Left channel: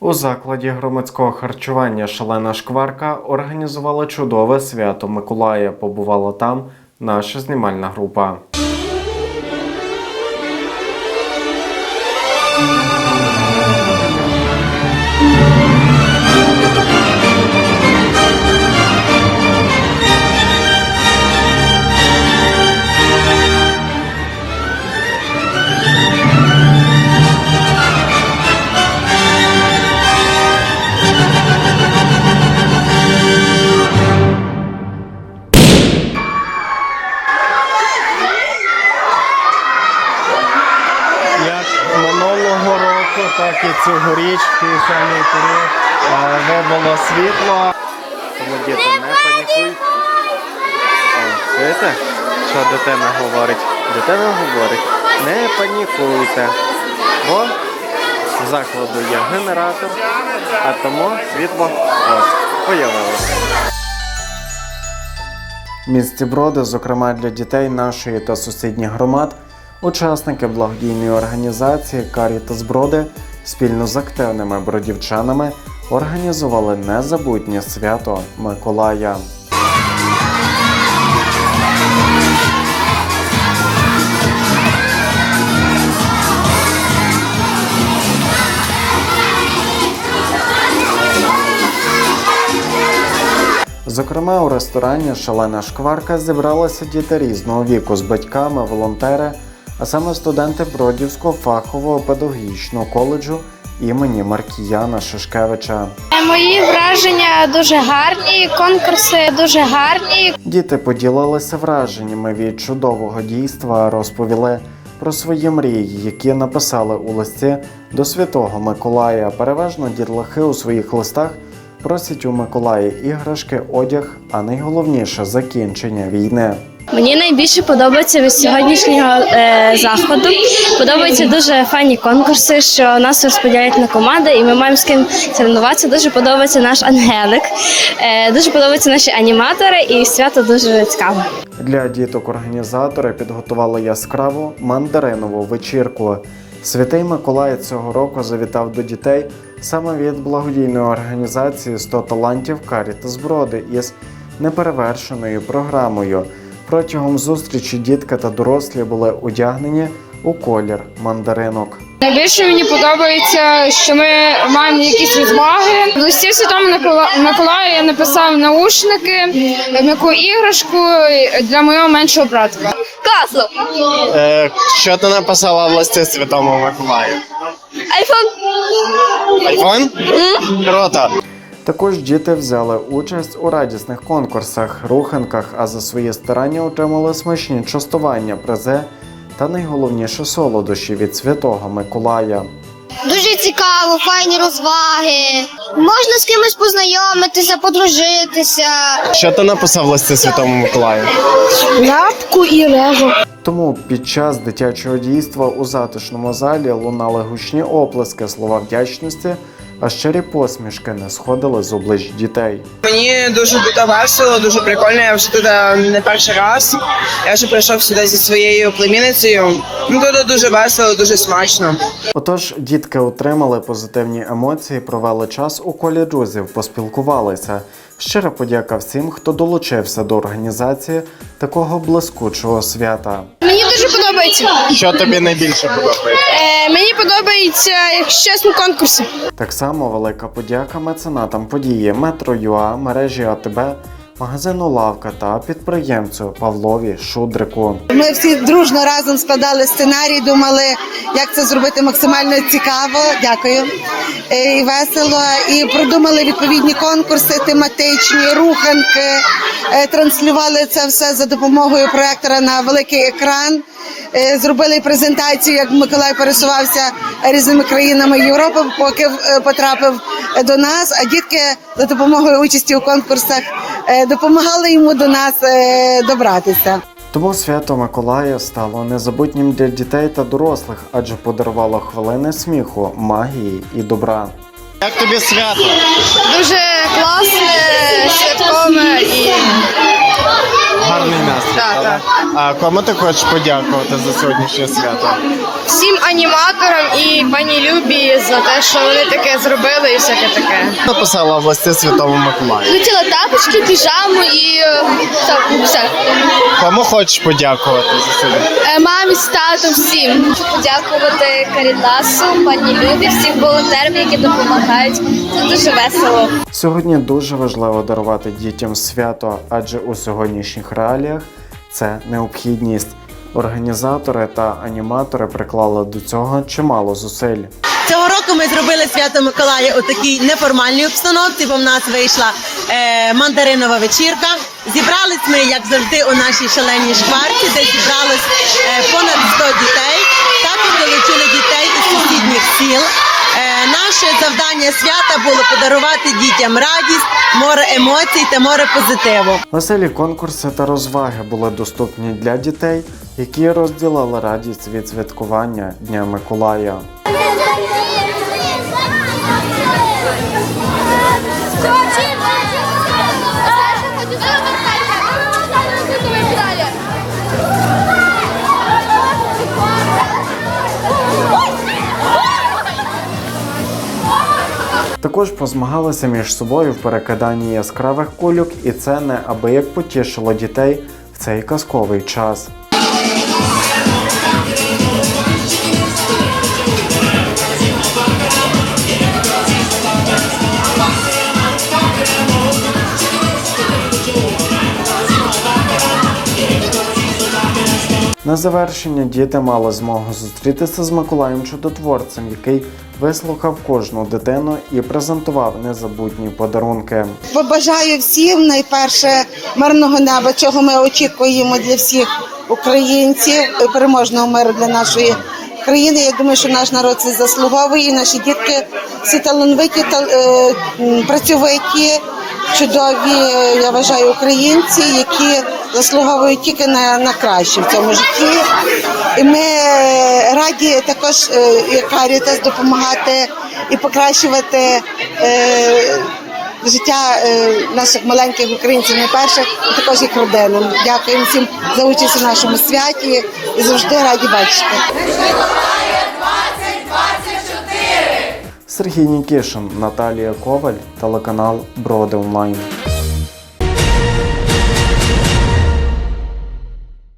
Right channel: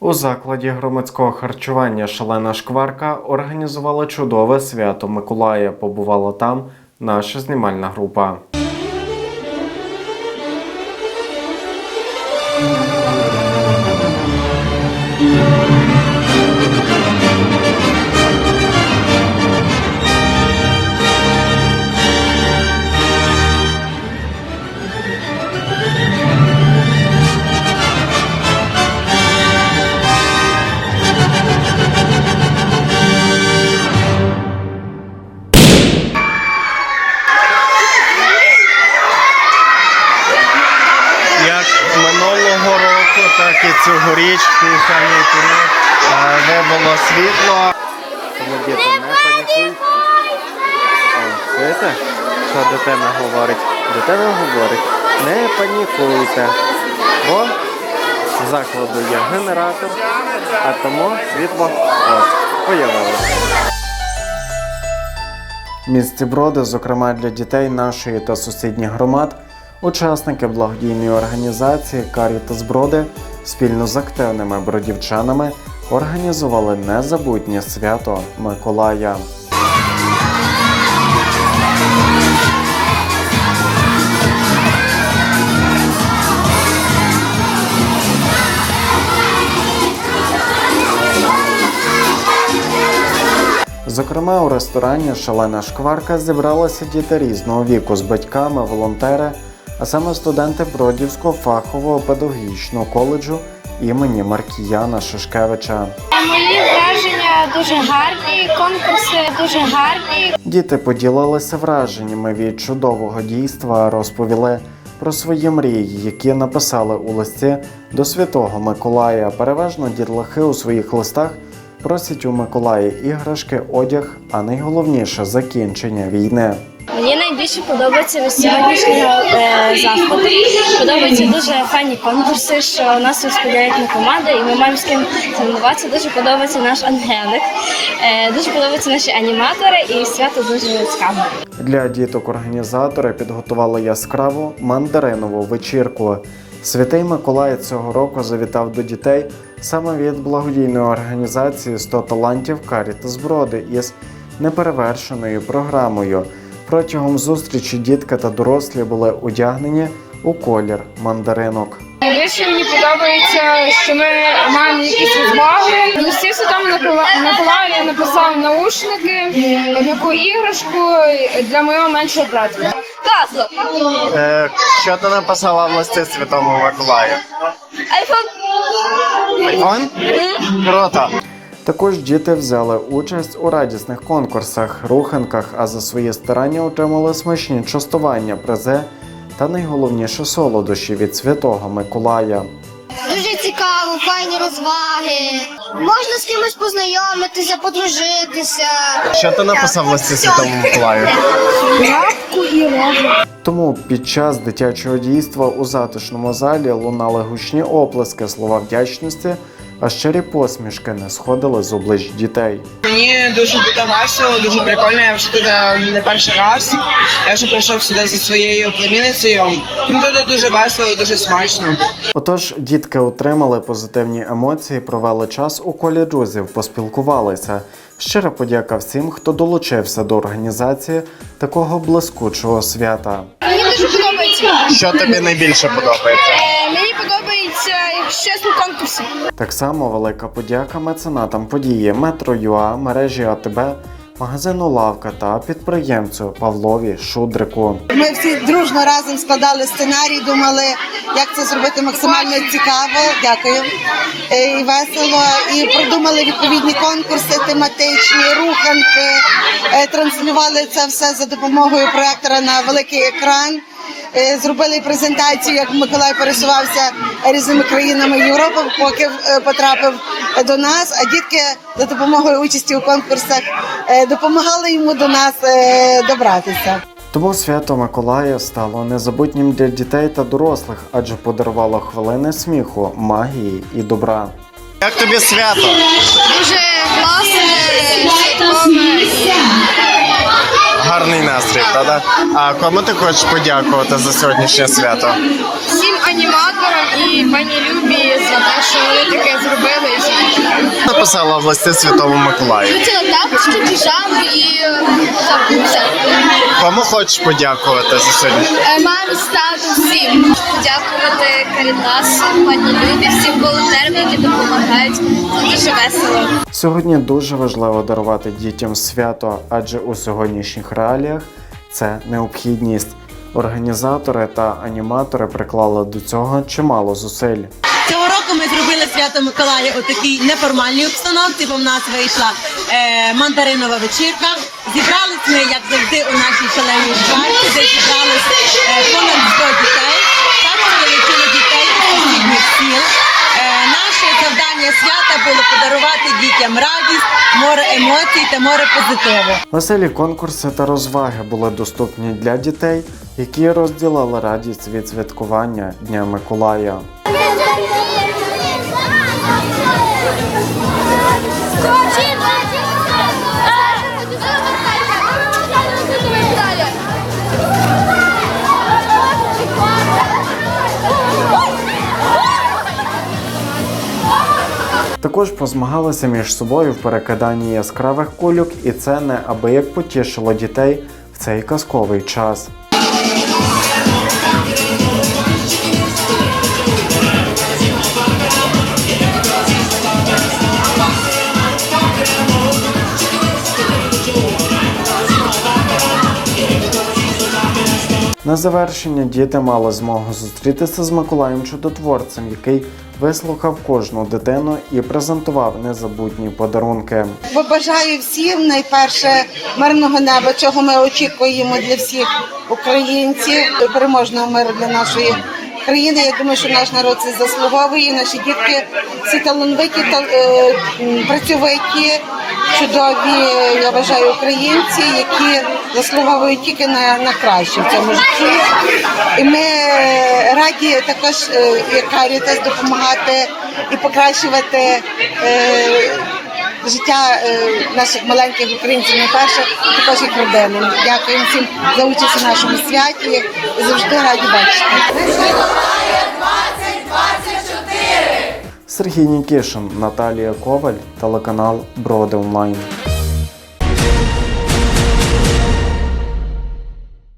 У закладі громадського харчування Шалена Шкварка організувала чудове свято Миколая. Побувала там наша знімальна група. Минулого року, так і цьогоріч в півхальний період е, світло. Тому діти не панікуйте. О, Чуєте, що дитина говорить? Дитина говорить, не панікуйте, бо в закладу є генератор, а тому світло ось появилося. В місті Броди, зокрема для дітей нашої та сусідніх громад, учасники благодійної організації Карітас Броди спільно з активними бродівчанами організували незабутнє свято Миколая. Зокрема, у ресторані Шалена Шкварка зібралися діти різного віку з батьками, волонтери, а саме студенти Бродівського фахового педагогічного коледжу імені Маркіяна Шишкевича. Мої враження дуже гарні, конкурси дуже гарні. Діти поділилися враженнями від чудового дійства, розповіли про свої мрії, які написали у листі до Святого Миколая. Переважно дітлахи у своїх листах просять у Миколая іграшки, одяг, а найголовніше закінчення війни. Мені найбільше подобається від сьогоднішнього е, заходу. Подобаються дуже файні конкурси, що нас розподіляють на команди, і ми маємо з ким соревнуватися. Дуже подобається наш Ангелик, е, дуже подобаються наші аніматори, і свято дуже цікаво. Для діток організатори підготували яскраву мандаринову вечірку. Святий Миколай цього року завітав до дітей саме від благодійної організації «100 талантів Карітас Броди із неперевершеною програмою. Протягом зустрічі дітки та дорослі були одягнені у колір мандаринок. Найбільше мені подобається, що ми маємо якісь розваги. В листі Святому Микола- Миколаю я написав наушники, м'яку іграшку для моєго меншого брата. Е, що ти написала в листі Святому Миколаю? Айфон? Круто. Також діти взяли участь у радісних конкурсах, руханках, а за свої старання отримали смачні частування, призи та найголовніше солодощі від Святого Миколая. Дуже цікаво, файні розваги. Можна з кимось познайомитися, подружитися. Що ти написав в листі Святому Миколаю? Лапку і рожу. Тому під час дитячого дійства у затишному залі лунали гучні оплески, слова вдячності, а щирі посмішки не сходили з облич дітей. Мені дуже весело, дуже прикольно. Я вже тут не перший раз. Я вже прийшов сюди зі своєю племінницею. Ну тут дуже весело, дуже смачно. Отож, дітки отримали позитивні емоції, провели час у колі друзів, поспілкувалися. Щира подяка всім, хто долучився до організації такого блискучого свята. Подобається. Що тобі найбільше подобається? Е, мені подобається, якщо чесно, конкурси. Так само велика подяка меценатам події Метро.ЮА, мережі АТБ, магазину Лавка та підприємцю Павлові Шудрику. Ми всі дружно разом складали сценарій, думали, як це зробити максимально цікаво. Дякую. Е, І весело. І продумали відповідні конкурси, тематичні, руханки, Е, транслювали це все за допомогою проектора на великий екран. Е, Зробили презентацію, як Миколай пересувався різними країнами Європи, поки е, потрапив до нас. А дітки за допомогою участі у конкурсах е, допомагали йому до нас е, добратися. Тому свято Миколая стало незабутнім для дітей та дорослих, адже подарувало хвилини сміху, магії і добра. Як тобі свято? Дуже класне, святкове і Гарний настрій, так? А кому ти хочеш подякувати за сьогоднішнє свято? всім аніматорам і пані Любі за те, що вони таке зробили і всяке таке. Написала власне Святому Миколаю. Хотіла тапочки, піжами і все. Кому хочеш подякувати за сьогодні? Мамі, з татом, всім. Подякувати Карітасу, пані Любі, всім волонтерам, які допомагають. Це дуже весело. Сьогодні дуже важливо дарувати дітям свято, адже у сьогоднішніх реаліях це необхідність. Організатори та аніматори приклали до цього чимало зусиль. Року ми зробили свято Миколая у такій неформальній обстановці, бо в нас вийшла е, мандаринова вечірка. Зібрались ми, як завжди, у нашій шаленій шкварці, де зібралось е, понад 100 дітей. Також залучили дітей із сусідніх сіл. Е, наше завдання свята було подарувати дітям радість, море емоцій та море позитиву. Веселі конкурси та розваги були доступні для дітей, які розділили радість від святкування Дня Миколая. Також позмагалися між собою в перекиданні яскравих кульок, і це неабияк потішило дітей в цей казковий час. На завершення діти мали змогу зустрітися з Миколаєм Чудотворцем, який вислухав кожну дитину і презентував незабутні подарунки. Побажаю всім найперше мирного неба, чого ми очікуємо для всіх українців, переможного миру для нашої країни. Я думаю, що наш народ це заслуговує. Наші дітки всі талановиті, та е, працьовиті, чудові. Я вважаю українці, які заслуговують тільки на, на краще в цьому житті. І ми раді також е, як Карітас допомагати і покращувати. Е, життя е, наших маленьких українців найперше, а також їх родини. Дякуємо всім за участь у нашому святі і завжди раді бачити. Сергій Нікішин, Наталія Коваль, телеканал Броди Онлайн.